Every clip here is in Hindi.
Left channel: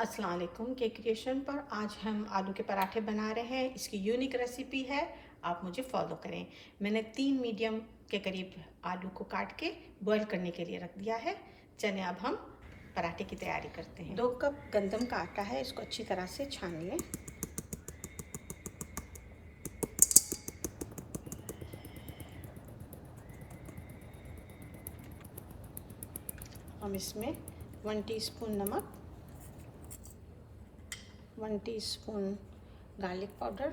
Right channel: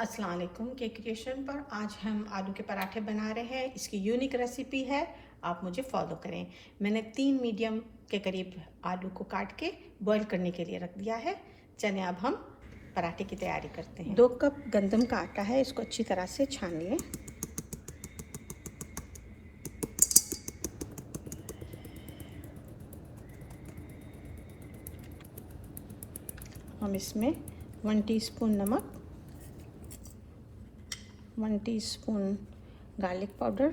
अस्सलाम वालेकुम। केक क्रिएशन पर आज हम आलू के पराठे बना रहे हैं। इसकी यूनिक रेसिपी है, आप मुझे फॉलो करें। मैंने 3 मीडियम के करीब आलू को काट के बॉईल करने के लिए रख दिया है। चलें अब हम पराठे की तैयारी करते हैं। 2 कप गंदम का आटा है, इसको अच्छी तरह से छान लें। हम इसमें 1 टीस्पून नमक, 1 teaspoon garlic powder,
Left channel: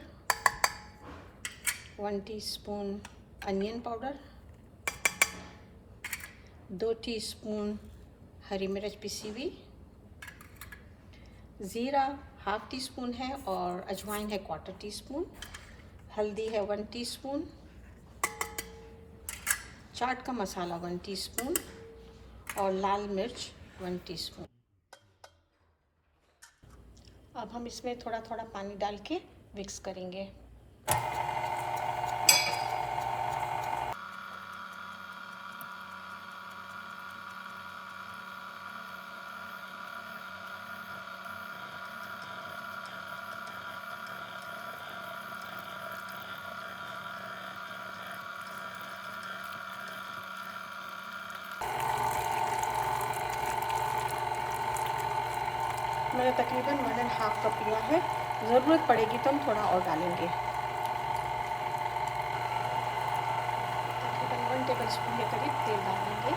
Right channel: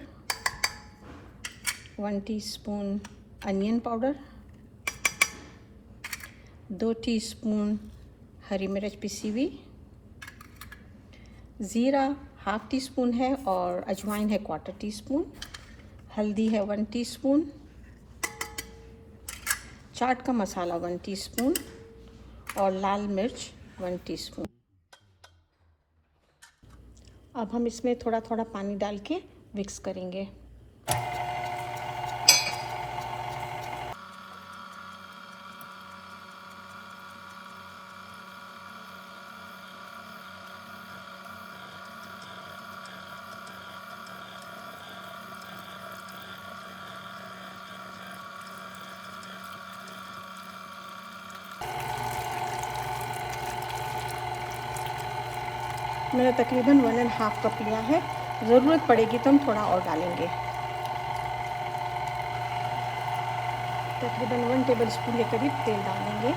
1 teaspoon onion powder, 2 teaspoon हरी मिर्च पिसी हुई, ज़ीरा ½ टीस्पून है और अजवाइन है 1/4 टीस्पून, हल्दी है 1 टीस्पून, चाट का मसाला 1 टीस्पून और लाल मिर्च 1 टीस्पून। अब हम इसमें थोड़ा थोड़ा पानी डाल के मिक्स करेंगे। मैंने तकरीबन 1½ कप लिया है, ज़रूरत पड़ेगी तो हम थोड़ा और डालेंगे। तकरीबन 1 टेबलस्पून के करीब तेल डालेंगे।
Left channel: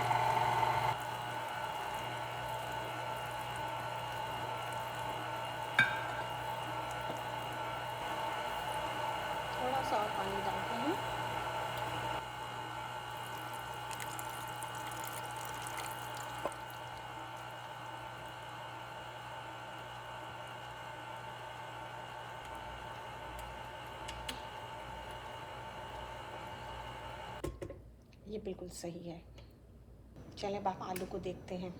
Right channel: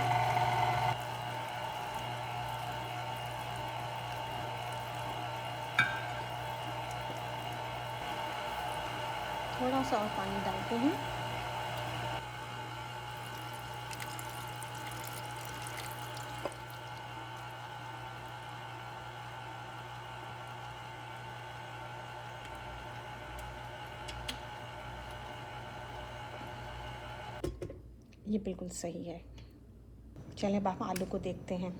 थोड़ा सा पानी डालते हैं। ये बिल्कुल सही है। चलिए अब आप आलू को देखते हैं।